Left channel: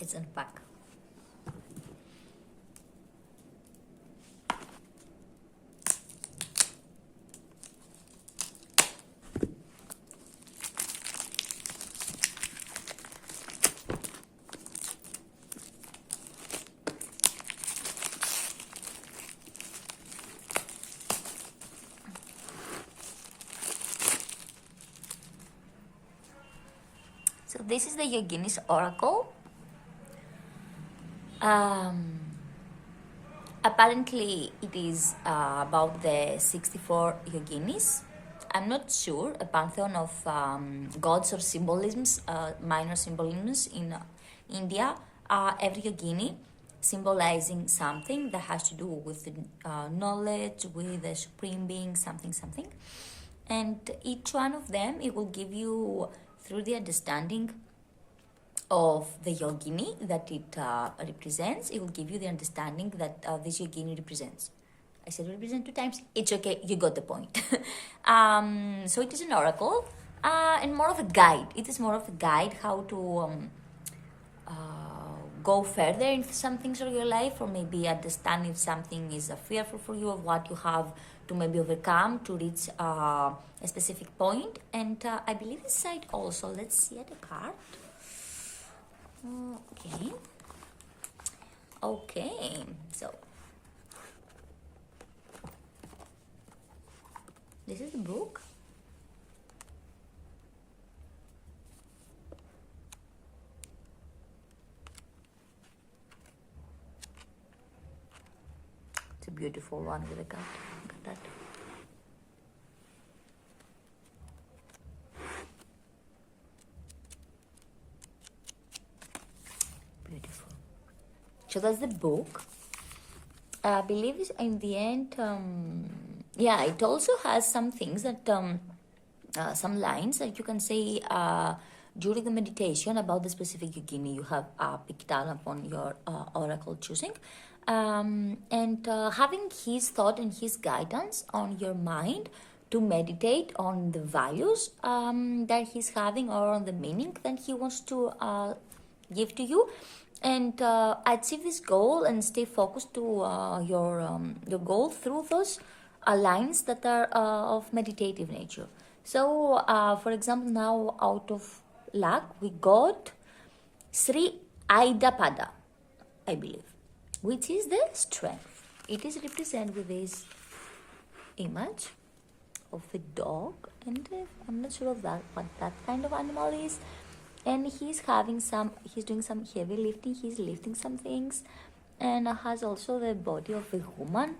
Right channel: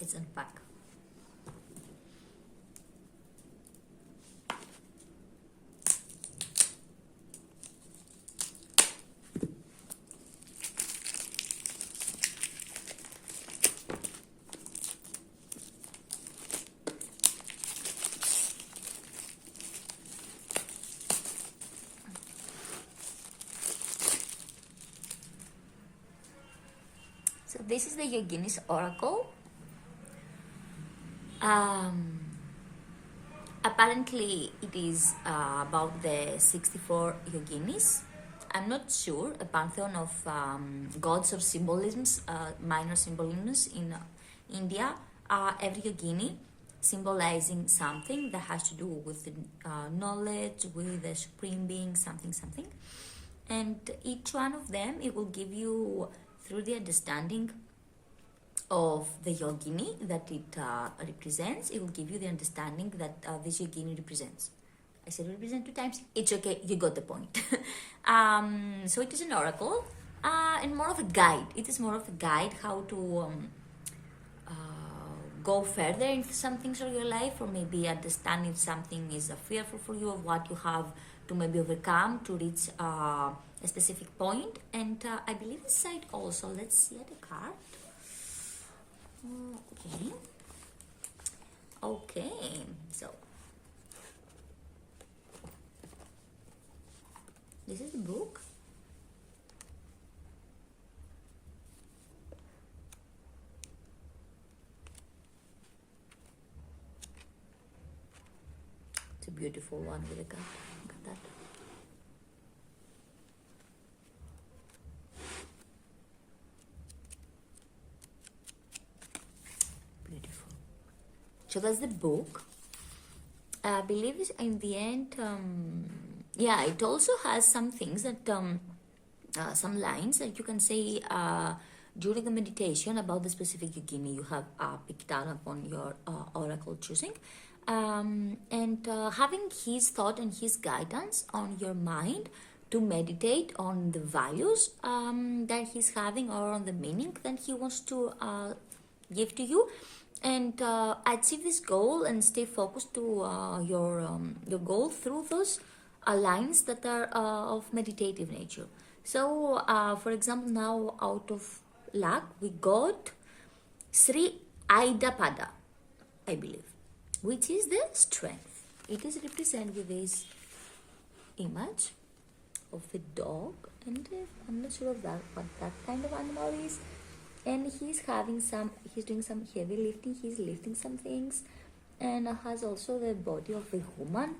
Let's unpack. So this is the Yoginis Oracle. Apparently it is about the 64 yoginis. I'm not sure, a pantheon of gods or symbolisms, minor symbolisms in India. Every yogini symbolizing something that has to do with knowledge, with the supreme being, something. And each one of them, it will give you, through the understanding of the yogini that it represents, it will give you the understanding that this yogini represents. I said represent 2 times. It's okay, you got the point. So it is an oracle and more of a guide. It is more of a guide how to go further into some things of your life, or maybe understand if something is fearful for you, or what you have to maybe overcome to reach a specific point. And I believe inside also, let's see at a card. Okay, so this is the book. It's a beautiful one with a card. Look at that. Beautiful. So that's the book. I believe in the end, yeah, it also has some things that, some lines that you can say during the meditation about the specific yogini you have picked out upon your oracle choosing. And having his thought and his guidance on your mind to meditate on the values that he's having, or on the meaning that he wants to give to you, and achieve this goal and stay focused to your goal through those lines that are of meditative nature. So, for example, now out of luck, we got Sri Aidapada, I believe, which is the strength. It is represented with this image of a dog, and I'm not sure of that, what that kind of animal is. And he's doing some heavy lifting, he's lifting some things, and has also the body of a woman.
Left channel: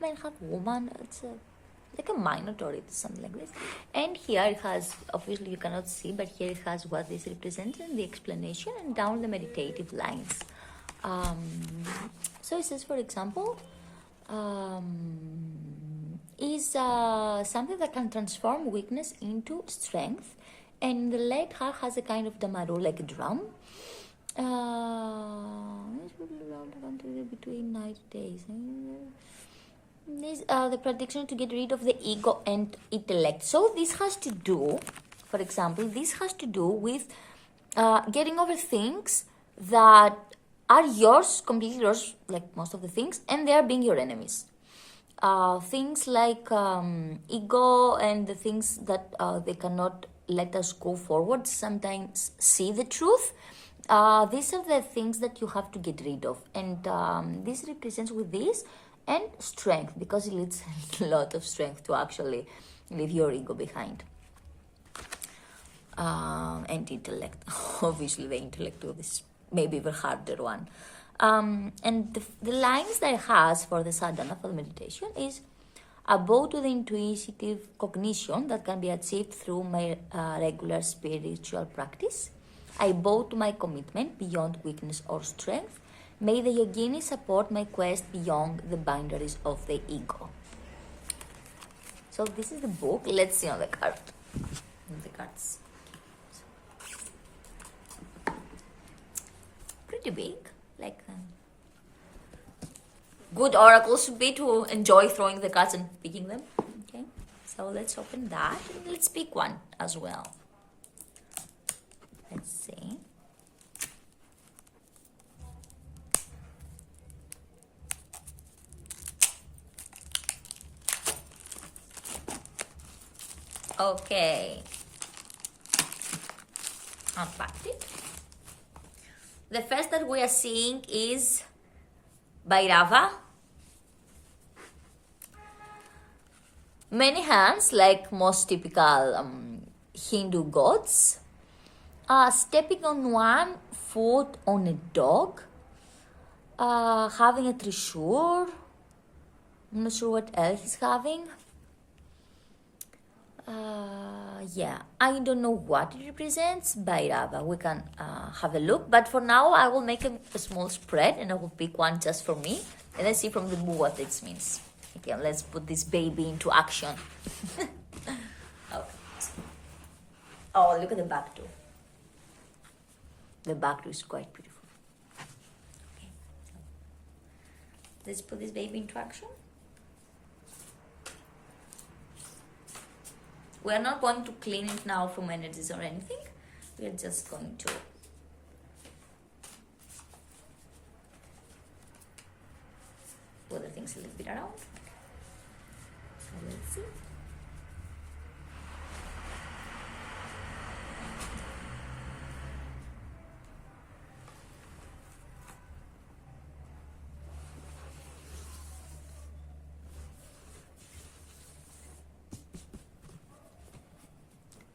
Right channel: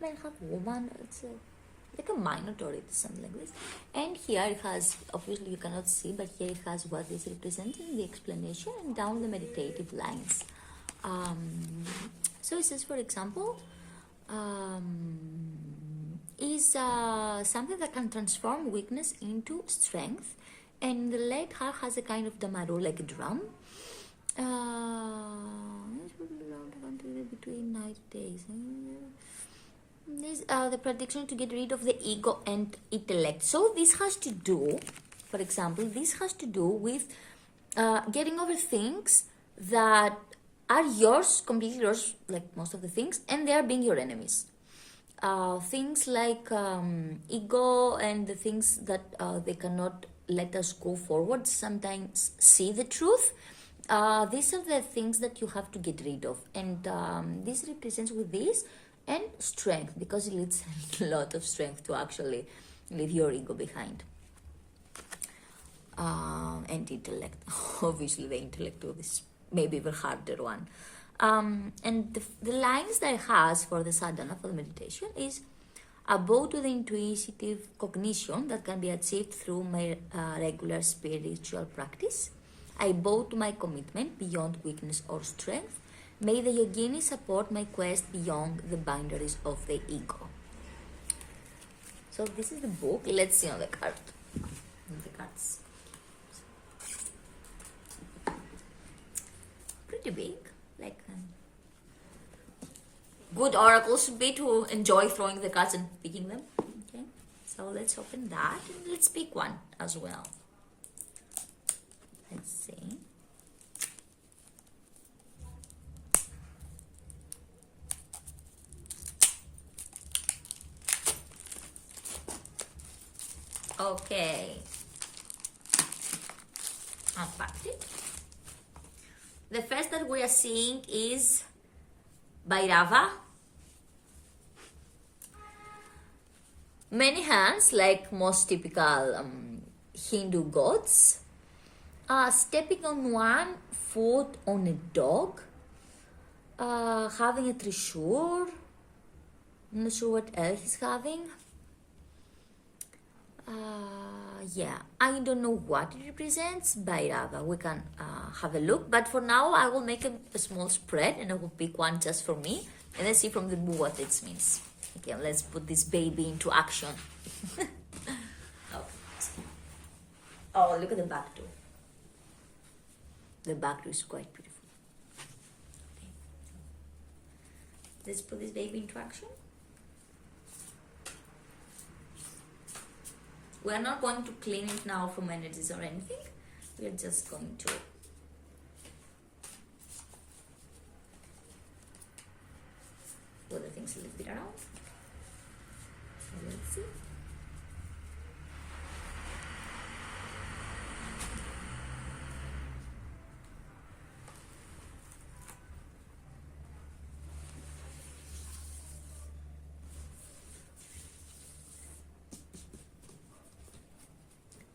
Men have woman, it's like a minotaur, it's something like this. And here it has, obviously you cannot see, but here it has what this represents in the explanation, and down the meditative lines. So it says, for example, is something that can transform weakness into strength. And the left half has a kind of damaru, like a drum. Between 90 days. This, the prediction to get rid of the ego and intellect. So this has to do, for example, this has to do with getting over things that are yours, completely yours, like most of the things, and they are being your enemies. Things like ego and the things that they cannot let us go forward, sometimes see the truth. These are the things that you have to get rid of. And this represents with this and strength, because it needs a lot of strength to actually leave your ego behind. And intellect. Obviously the intellect is maybe the harder one. And the lines that it has for the sadhana, for the meditation, is a bow to the intuitive cognition that can be achieved through my regular spiritual practice. I bow to my commitment beyond weakness or strength. May the yogini support my quest beyond the boundaries of the ego. So this is the book. Let's see on the card. The cards. Pretty big, like good oracles should be to enjoy throwing the cards and picking them. Okay, so let's open that and let's pick one as well. Let's see. Okay. Unpacked it. The first that we are seeing is Bhairava. Many hands, like most typical Hindu gods, stepping on one foot on a dog, having a trishur. I'm not sure what else he's having. Yeah, I don't know what it represents. Bhairava, we can have a look. But for now, I will make a small spread and I will pick one just for me. And let's see from the book what it means. Okay, let's put this baby into action. Oh, look at the back too. The back too is quite beautiful. Okay. Let's put this baby into action. We are not going to clean it now from energies or anything. We are just going to put the things a little bit around. So let's see.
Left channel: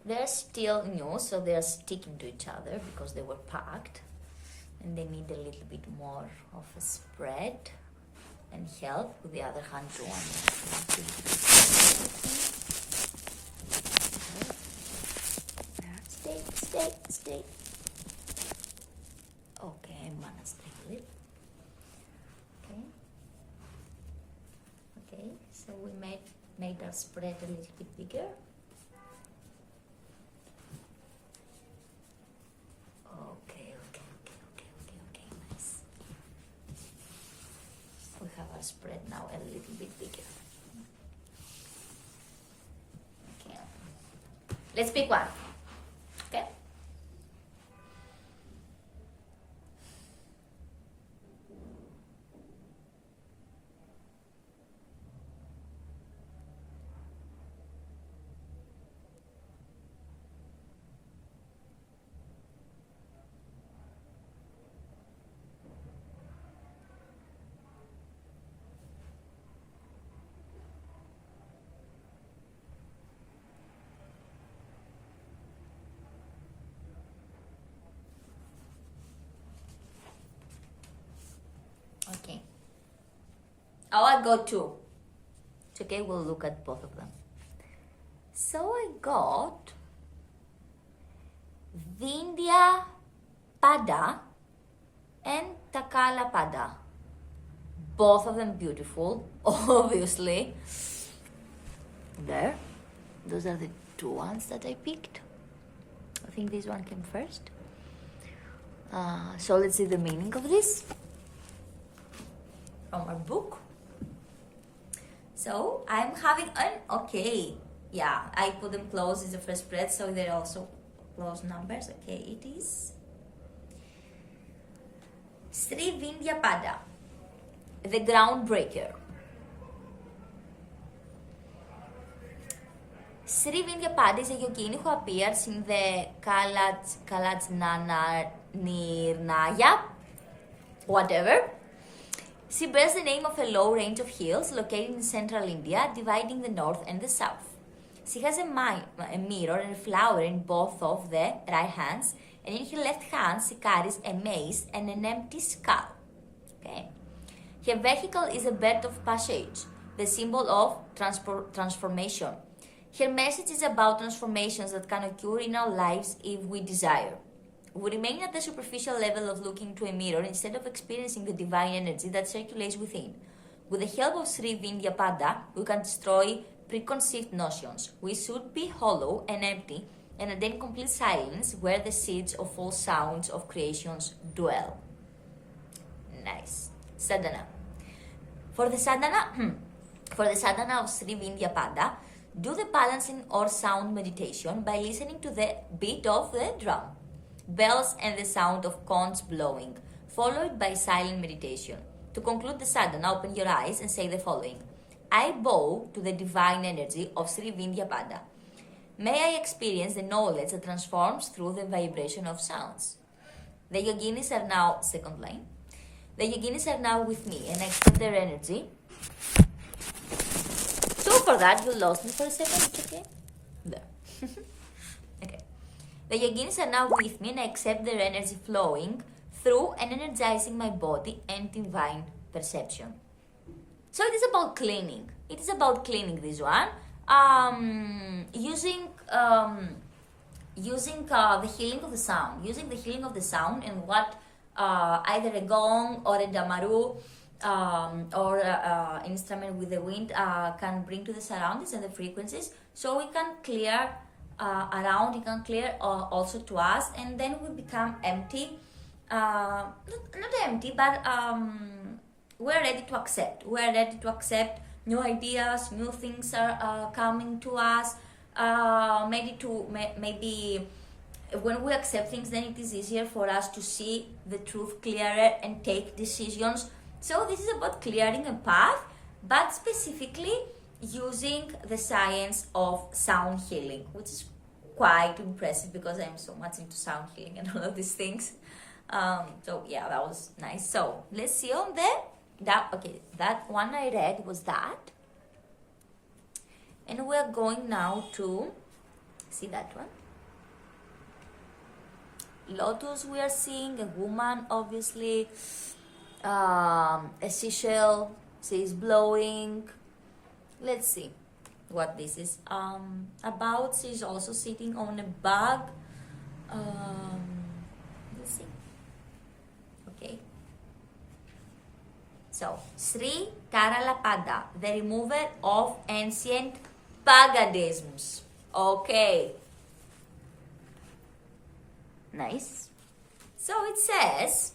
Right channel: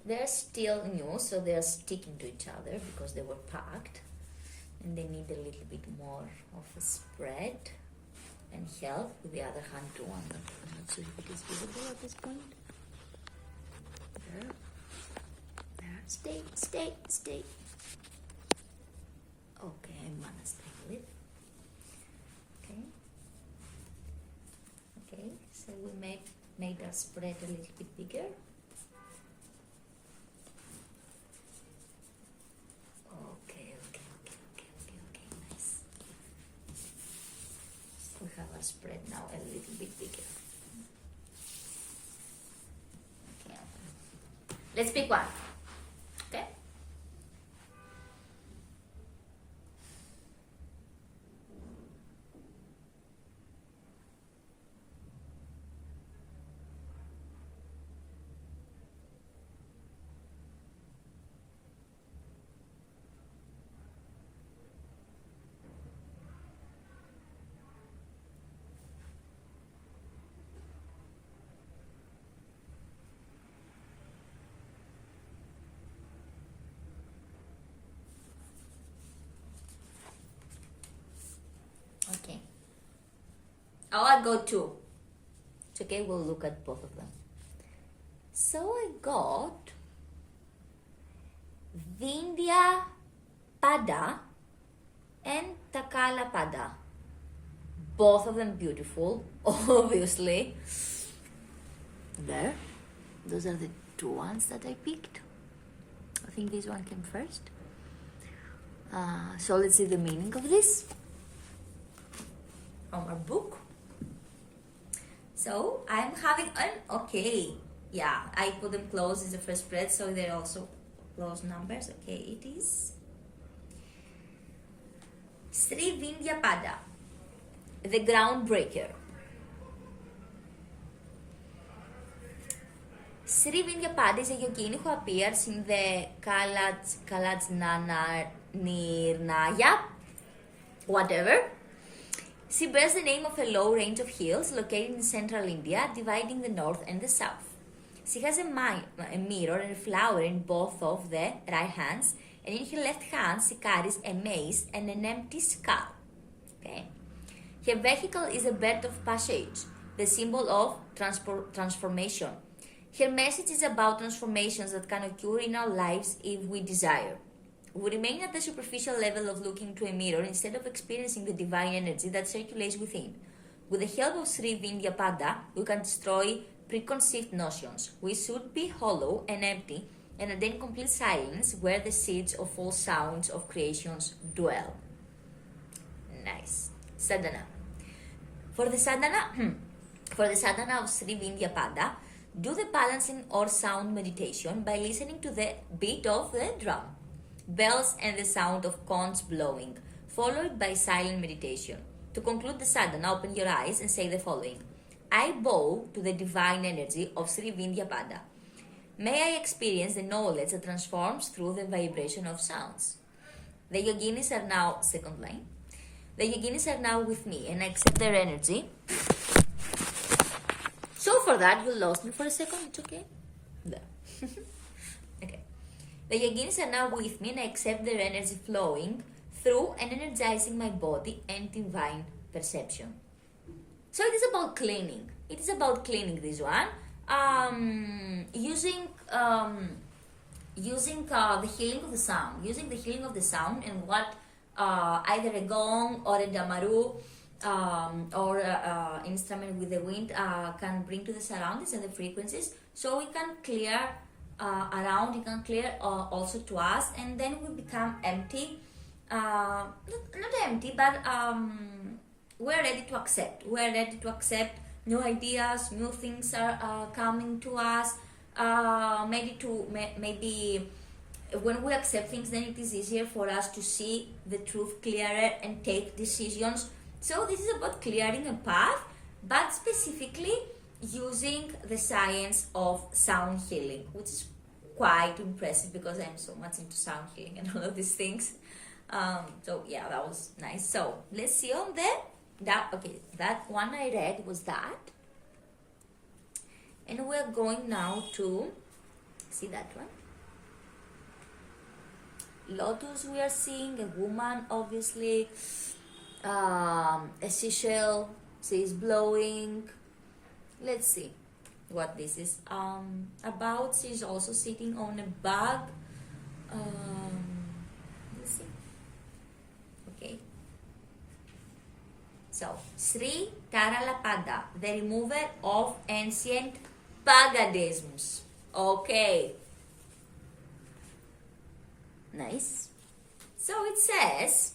They're still new, so they're sticking to each other because they were packed and they need a little bit more of a spread and help with the other hand to stay. Okay, I'm gonna stay with it. Okay, so we made our spread a little bit bigger. Nice. We have our spread now a little bit bigger. Okay. Let's pick one. Okay. Okay. Oh, I got two. It's okay, we'll look at both of them. So I got Vindhya Pada and Takala Pada. Both of them beautiful, obviously. There. Those are the two ones that I picked. I think this one came first. So let's see the meaning of this from our book. So I'm having I put them close in the first spread, so they're also close numbers. Okay, it is Sri Vindhya Pada, the groundbreaker. Sri Vindhya Pada is a yogini who appears in the Kalajnana Nirnaya, whatever. She bears the name of a low range of hills located in central India, dividing the north and the south. She has a mirror and a flower in both of the right hands, and in her left hand she carries a mace and an empty skull. Okay. Her vehicle is a bird of passage, the symbol of transformation. Her message is about transformations that can occur in our lives if we desire. We remain at the superficial level of looking to a mirror instead of experiencing the divine energy that circulates within. With the help of Sri Vindhya Pada, we can destroy preconceived notions. We should be hollow and empty and attain complete silence where the seeds of all sounds of creations dwell. Nice. Sadhana. For the sadhana of Sri Vindhya Pada, do the balancing or sound meditation by listening to the beat of the drum, bells and the sound of conchs blowing, followed by silent meditation. To conclude the sadhana, open your eyes and say the following. I bow to the divine energy of Sri Vindhya Pada. may I experience the knowledge that transforms through the vibration of sounds. The yoginis are now, second line, the yoginis are now with me and I accept their energy. So for that, you lost me for a second, it's okay? There. Okay. The yoginis are now with me and I accept their energy flowing through and energizing my body and divine perception. So it is about cleaning. It is about cleaning this one. Using the healing of the sound. Using the healing of the sound and what either a gong or a damaru or instrument with the wind can bring to the surroundings and the frequencies. So we can clear around, it can clear also to us, and then we become empty. Not empty, but we're ready to accept. We're ready to accept new ideas, new things are coming to us. Maybe when we accept things, then it is easier for us to see the truth clearer and take decisions. So this is about clearing a path, but specifically using the science of sound healing, which is quite impressive because I'm so much into sound healing and all of these things. So yeah, that was nice. So let's see on there. That one I read was that. And we are going now to see that one. Lotus, we are seeing a woman, obviously. A seashell, she is blowing. Let's see what this is about. She is also sitting on a bag. Let's see. Okay. So, Sri Taralapada, the remover of ancient paganisms. Okay. Nice. So it says,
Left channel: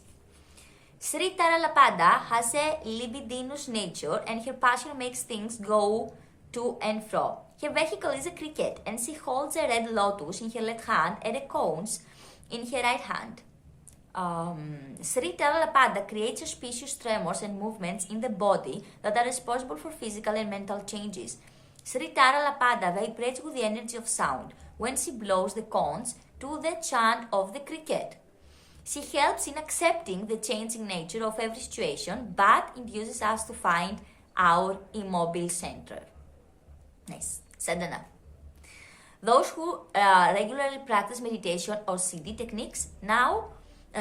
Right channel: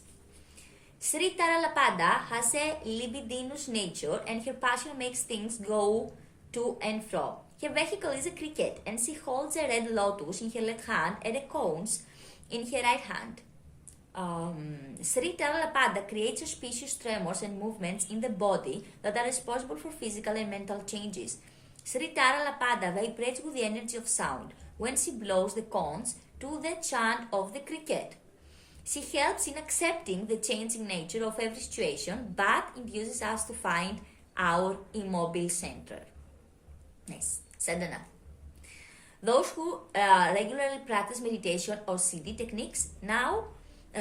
Sri Taralapada has a libidinous nature and her passion makes things go to and fro. Her vehicle is a cricket and she holds a red lotus in her left hand and a cones in her right hand. Sri Taralapada creates auspicious tremors and movements in the body that are responsible for physical and mental changes. Sri Taralapada vibrates with the energy of sound when she blows the cones to the chant of the cricket. She helps in accepting the changing nature of every situation, but induces us to find our immobile center. Nice. Sadhana. Those who regularly practice meditation or siddhi techniques now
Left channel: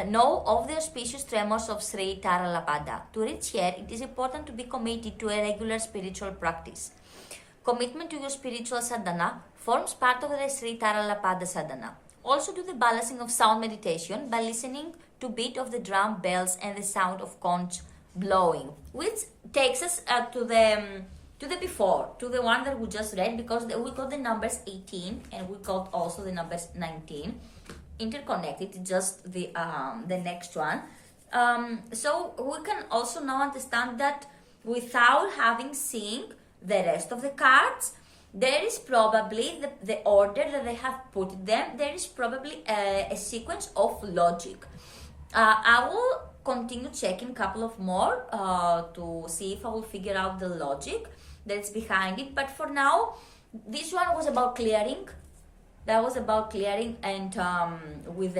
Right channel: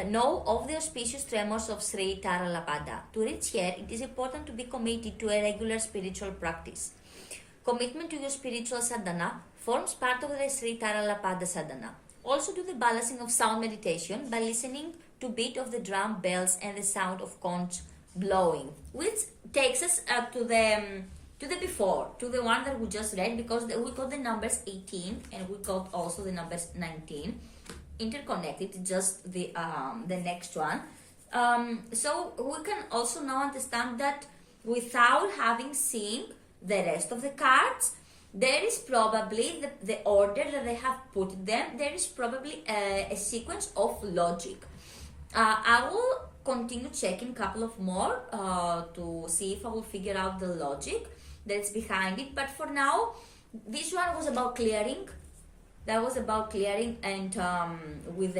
know of the auspicious tremors of Sri Taralapada. To reach here, it is important to be committed to a regular spiritual practice. Commitment to your spiritual sadhana forms part of the Sri Taralapada sadhana. Also do the balancing of sound meditation by listening to beat of the drum bells and the sound of conch blowing, which takes us to the before, to the one that we just read, because we got the numbers 18 and we got also the numbers 19 interconnected, just the next one. So we can also now understand that without having seen the rest of the cards, there is probably the order that they have put them, there is probably a sequence of logic. I will continue checking a couple of more to see if I will figure out the logic that's behind it. But for now, this one was about clearing. That was about clearing and with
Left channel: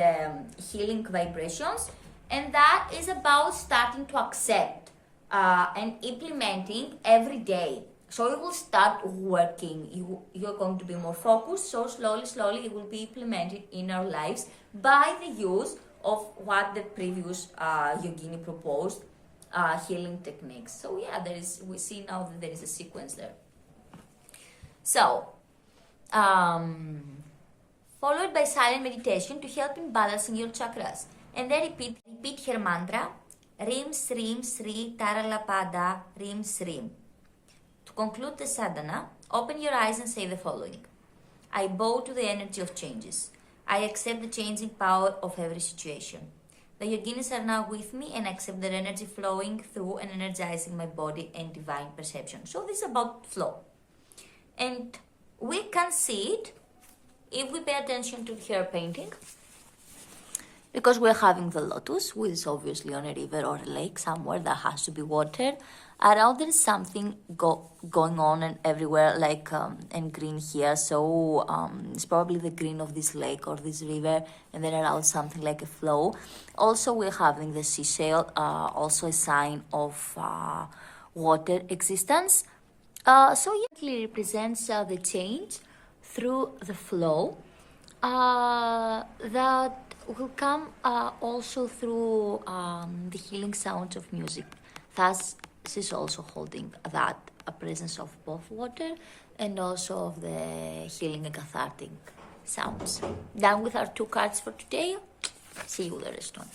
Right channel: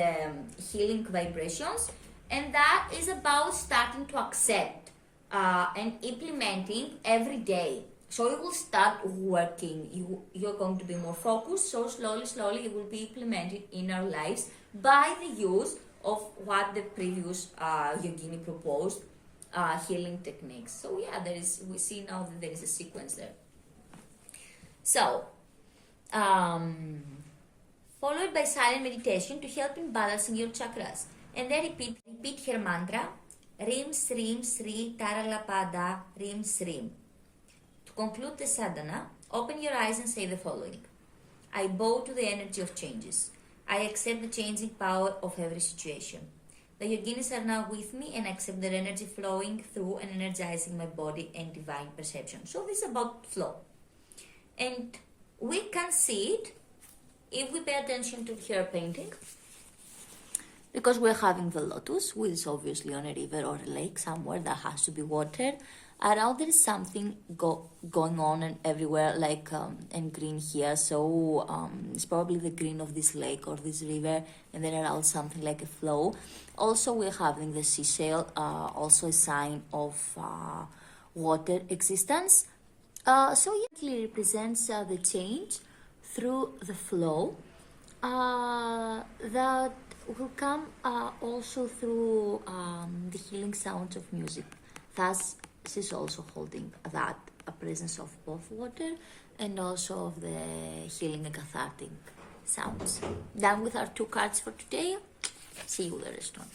healing vibrations. And that is about starting to accept and implementing every day. So you will start working, you're going to be more focused, so slowly it will be implemented in our lives by the use of what the previous yogini proposed, healing techniques. So yeah, we see now that there is a sequence there. So, followed by silent meditation to help in balancing your chakras. And then repeat her mantra, Rim Srim Sri Taralapada Rim Srim. To conclude the sadhana, open your eyes and say the following. I bow to the energy of changes. I accept the changing power of every situation. The yoginis are now with me and accept their energy flowing through and energizing my body and divine perception. So this is about flow. And we can see it if we pay attention to her painting. Because we're having the lotus, which is obviously on a river or a lake somewhere that has to be watered. Around there is something going on and everywhere, like and green here. So it's probably the green of this lake or this river, and then around something like a flow. Also, we're having the seashell, also a sign of water existence. So it really represents the change through the flow that will come also through the healing sounds of music. Thus, this is also holding that a presence of both water and also of the healing and cathartic sounds. Done with our 2 cards for today. See you the rest one.